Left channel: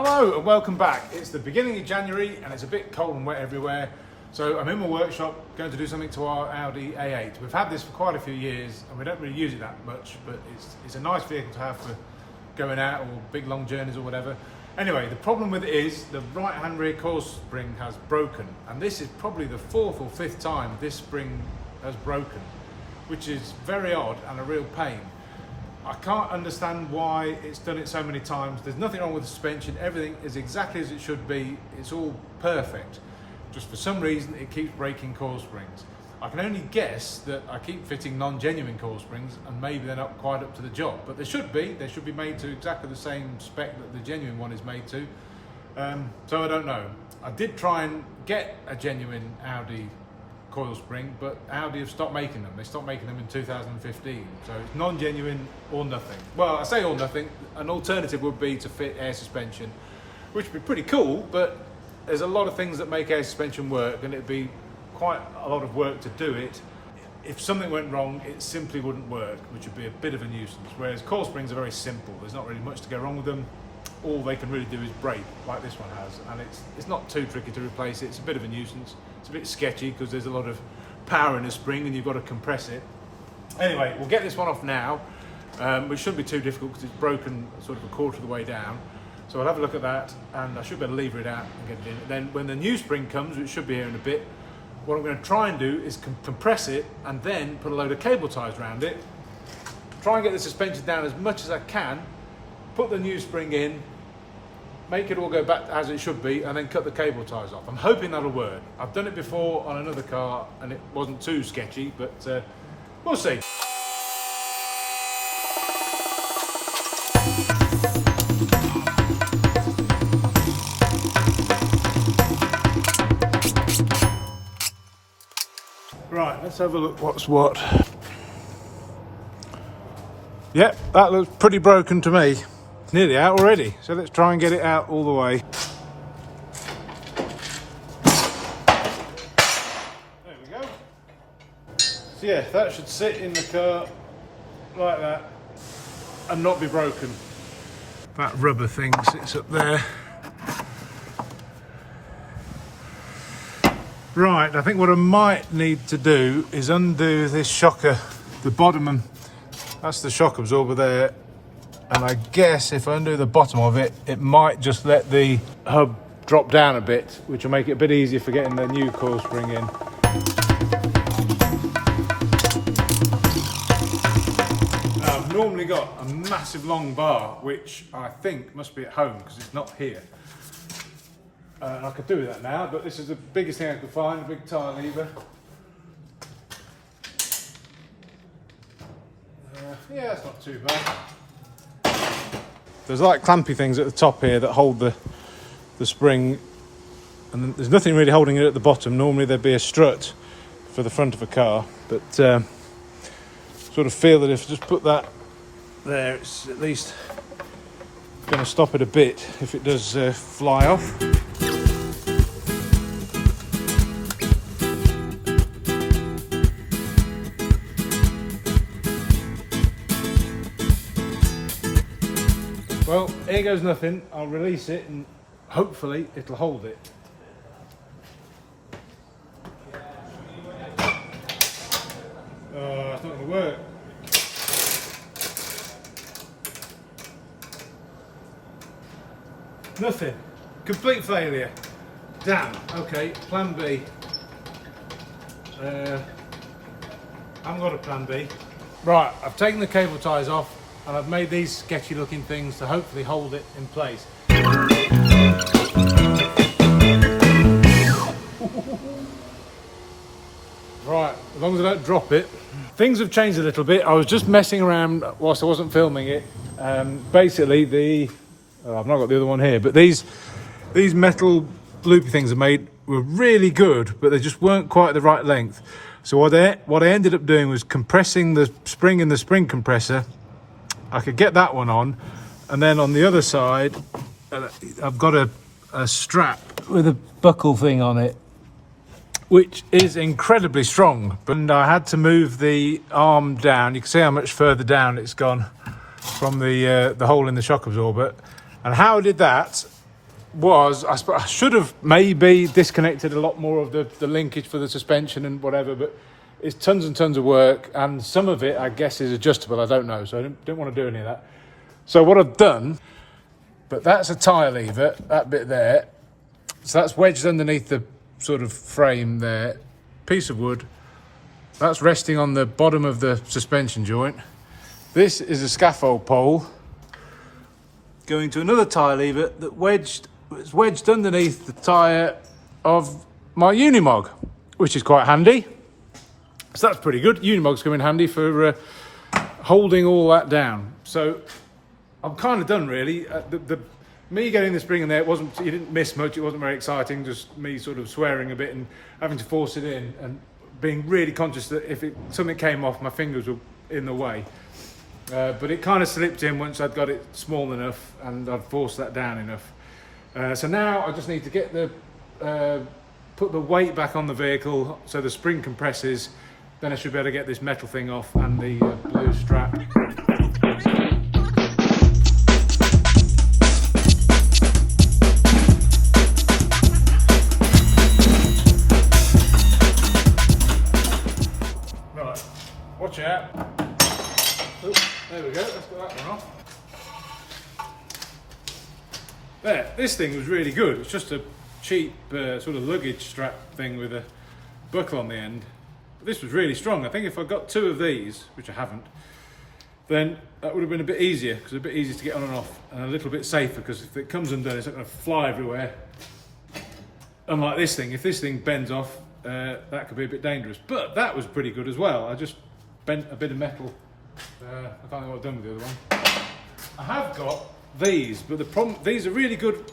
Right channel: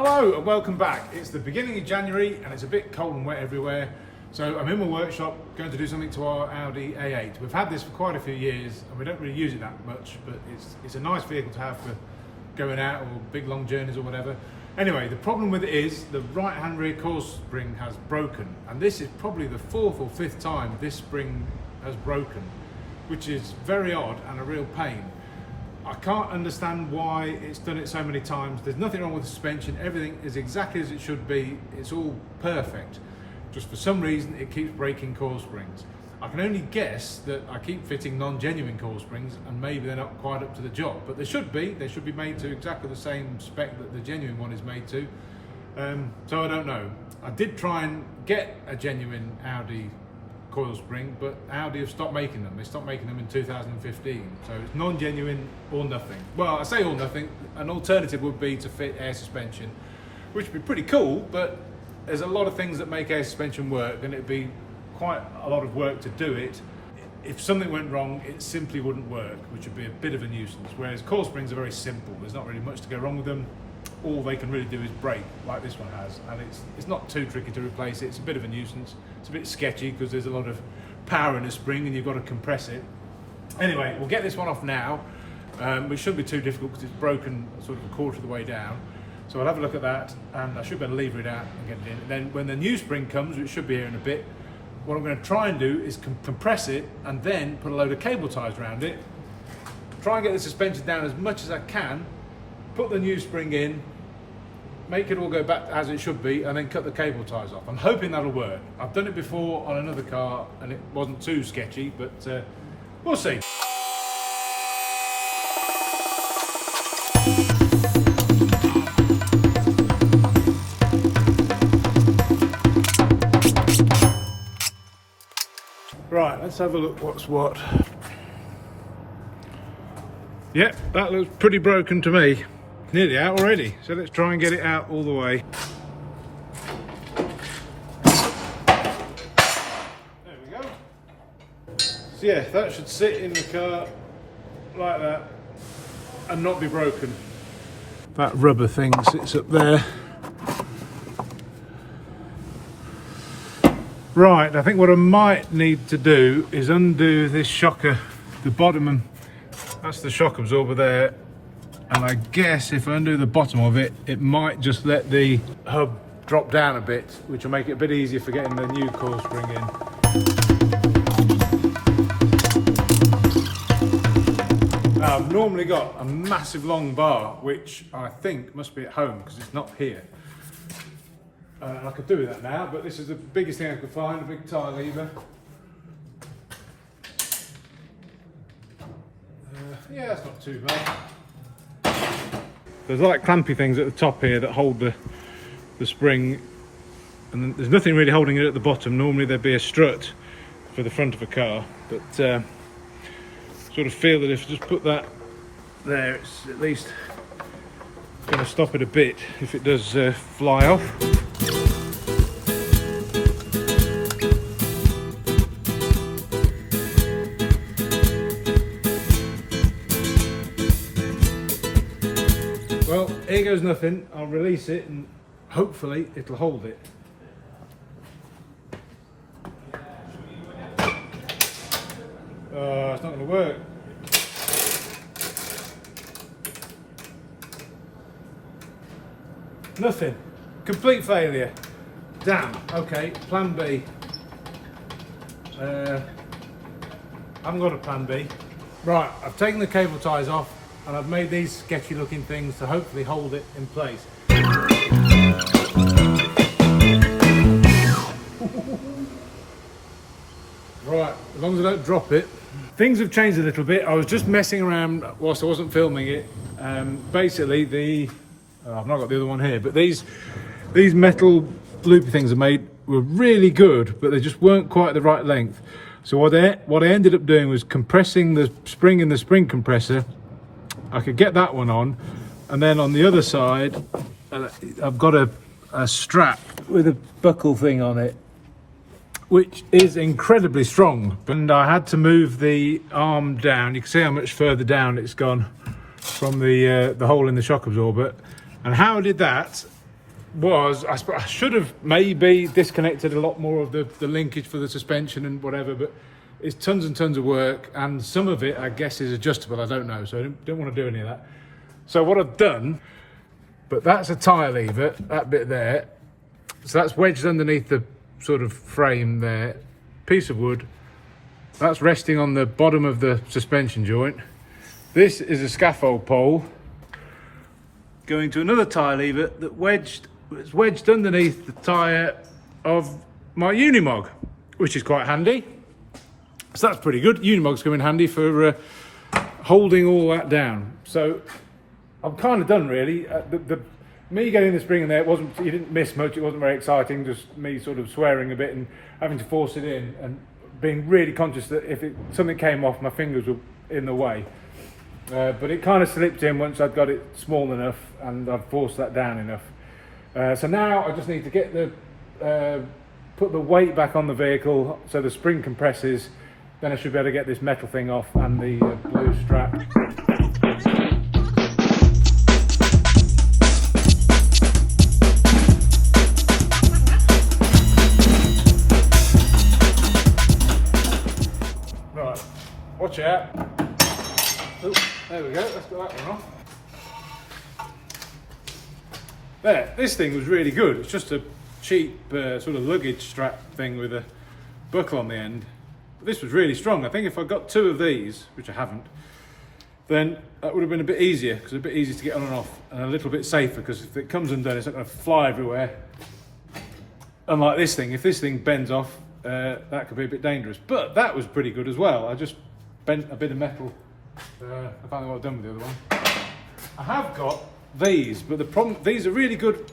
Hello and welcome back. It's the beginning of January and it's a bit cold and wet everywhere. So I'm in my workshop going to do something to our Audi A8. We've had this for quite a few years and we don't really use it that much, but it's a nice vehicle to have for going out or big long journeys or whatever. Anyway, the problem with it is the right hand rear coil spring has broken, and this is probably the fourth or fifth time this spring has broken, which is very odd and a real pain. I can't understand why it's done it so many times. There's nothing wrong with the suspension. Everything is exactly as it should be. It's all perfect. Just for some reason, it keeps breaking coil springs. I can only guess that I keep fitting non-genuine coil springs and maybe they're not quite up to the job, but they should be. They should be made to exactly the same spec that the genuine one is made to. So I don't know. I did try and get a genuine Audi coil spring, but Audi have stopped making them. They stopped making them in 2015, so it's non-genuine or nothing. Well, I say or nothing. An alternative would be to fit air suspension, which would be pretty cool, but there's a lot of things that make air suspension work, and it'd be quite a lot of work to do it. If something went wrong, it simply wouldn't work, which would be a bit of a nuisance, whereas coil springs are very simple. There's not really much to go wrong with them. All they can really do is break, like this one has, and it's not too tricky to replace it. It's a bit of a nuisance. It's a bit sketchy because there's a lot of power in the spring and you've got to compress it. Anyway, we'll get this one off now, which shouldn't be too difficult because it's broken sort of a quarter of the way down. So I'll have a look at that, and I should be able to lever it out and get it in. And then when the new spring comes, which should be here in a bit, what I'm going to try and do is compress it and then put a load of cable ties around it, try and get the suspension down as much as I can, put the new spring in, make it all go back as it should be, and then cut the cable ties off. I'm hoping that'll work. I've done it before on another car and it wasn't too sketchy, but we'll see. Right, let's have a look what's what. Yep, that looks pretty broken to me. It's nearly out already, so let's try and get it out all the way. There we go. So yeah, that should sit in the car like that and not be broken. That rubber thing sits up there. Right, I think what I might need to do is undo this shocker, the bottom, that's the shock absorber there. And I guess if I undo the bottom of it, it might just let the hub drop down a bit, which will make it a bit easier for getting the new coil spring in. Now, I've normally got a massive long bar, which I think must be at home because it's not here. I could do that now, but this is the biggest thing I could find, a big tire lever. Yeah, that's not too bad. There's like clampy things at the top here that hold the spring, and there's nothing really holding it at the bottom. Normally there'd be a strut for the front of a car, but sort of feel that if I just put that there, it's at least going to stop it a bit if it does fly off. Well, here goes nothing. I'll release it and hopefully it'll hold it. Oh, it's not going to work. Nothing. Complete failure. Damn. Okay, plan B. I haven't got a plan B. Right, I've taken the cable ties off, and I've made these sketchy looking things to hopefully hold it in place. Right, as long as I don't drop it. Things have changed a little bit. I was just messing around whilst I wasn't filming it. Basically I've not got the other one here, but these metal loopy things were really good, but they just weren't quite the right length. So what I ended up doing was compressing the spring in the spring compressor. I could get that one on, and then on the other side I've got a strap with a buckle thing on it, which is incredibly strong. And I had to move the arm down. You can see how much further down it's gone from the hole in the shock absorber. And how I did that was, I should have maybe disconnected a lot more of the linkage for the suspension and whatever, but it's tons and tons of work, and some of it I guess is adjustable, I don't know, so I didn't want to do any of that. So what I've done, but that's a tyre lever, that bit there, so that's wedged underneath the sort of frame there, piece of wood, that's resting on the bottom of the suspension joint. This is a scaffold pole going to another tyre lever that is wedged underneath the tyre of my Unimog, which is quite handy. So that's pretty good. Unimogs come in handy for holding all that down. So I'm kind of done really. Me getting the spring in there, you didn't miss much, it wasn't very exciting, just me sort of swearing a bit and having to force it in and being really conscious that if something came off, my fingers were in the way. But it kind of slipped in once I'd got it small enough and I'd forced that down enough. So now I just need to get put the weight back on the vehicle so the spring compresses, then I should be able to get this metal thing off and the blue strap. Right, watch out. Oh, there we go, let's get that one off. There, this thing was really good. It's just a cheap sort of luggage strap thing with a buckle on the end. But this was really strong. I think if I got two of these, which I haven't, then that would have been a bit easier, because it's a bit easier to get on and off, and a little bit safer, because if it comes undone, it's not going to fly everywhere. Unlike this thing, if this thing bends off, that could be a bit dangerous. But that was pretty good as well. I just bent a bit of metal. I can't think what I've done with the other one. I have got these, but the problem, these are really good.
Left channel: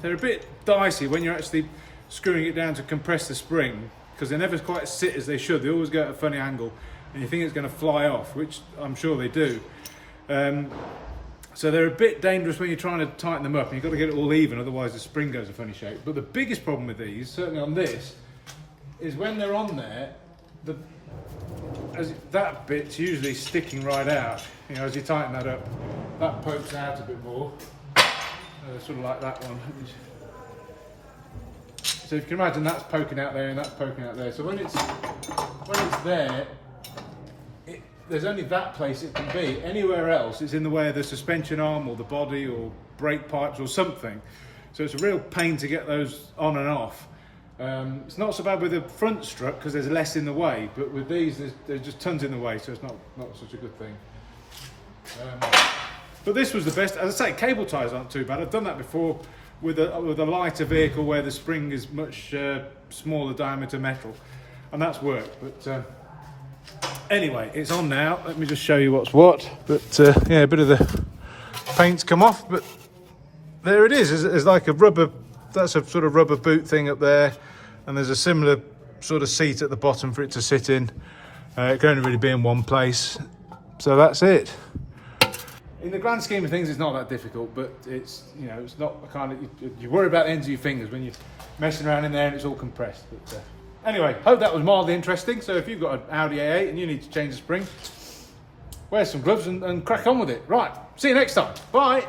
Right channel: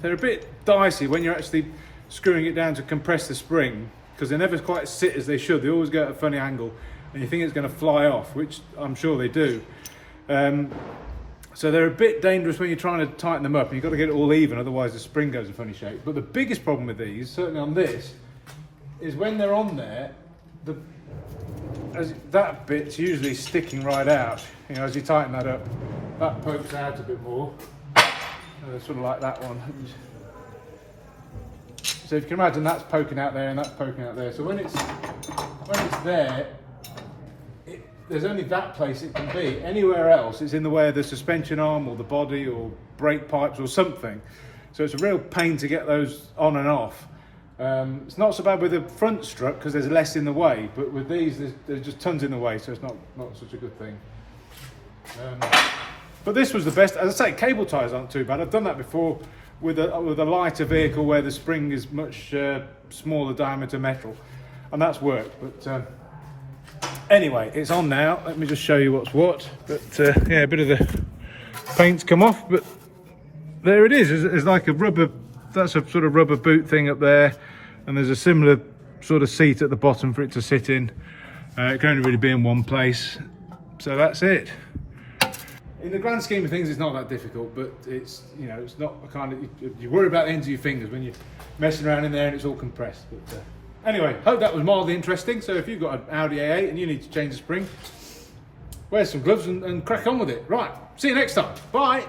They're a bit dicey when you're actually screwing it down to compress the spring, because they never quite sit as they should. They always go at a funny angle and you think it's going to fly off, which I'm sure they do. So they're a bit dangerous when you're trying to tighten them up, and you've got to get it all even, otherwise the spring goes a funny shape. But the biggest problem with these, certainly on this, is when they're on there, that bit's usually sticking right out. You know, as you tighten that up, that pokes out a bit more. Sort of like that one. So if you can imagine, that's poking out there and that's poking out there. So when it's there, there's only that place it can be. Anywhere else, it's in the way of the suspension arm or the body or brake pipes or something. So it's a real pain to get those on and off. It's not so bad with the front strut because there's less in the way, but with these there's just tons in the way, so it's not such a good thing. But this was the best. As I say, cable ties aren't too bad. I've done that before with a lighter vehicle where the spring is much smaller diameter metal, and that's worked. But anyway, it's on now. Let me just show you what's what. But yeah, a bit of the paint's come off, but there it is. There's like a rubber, that's a sort of rubber boot thing up there, and there's a similar sort of seat at the bottom for it to sit in. It can only really be in one place, so that's it. In the grand scheme of things, it's not that difficult, but it's, you know, it's not a kind of, you worry about the ends of your fingers when you're messing around in there and it's all compressed. But anyway, hope that was mildly interesting. So if you've got an Audi A8 and you need to change the spring, wear some gloves and crack on with it. Right, see you next time. Bye.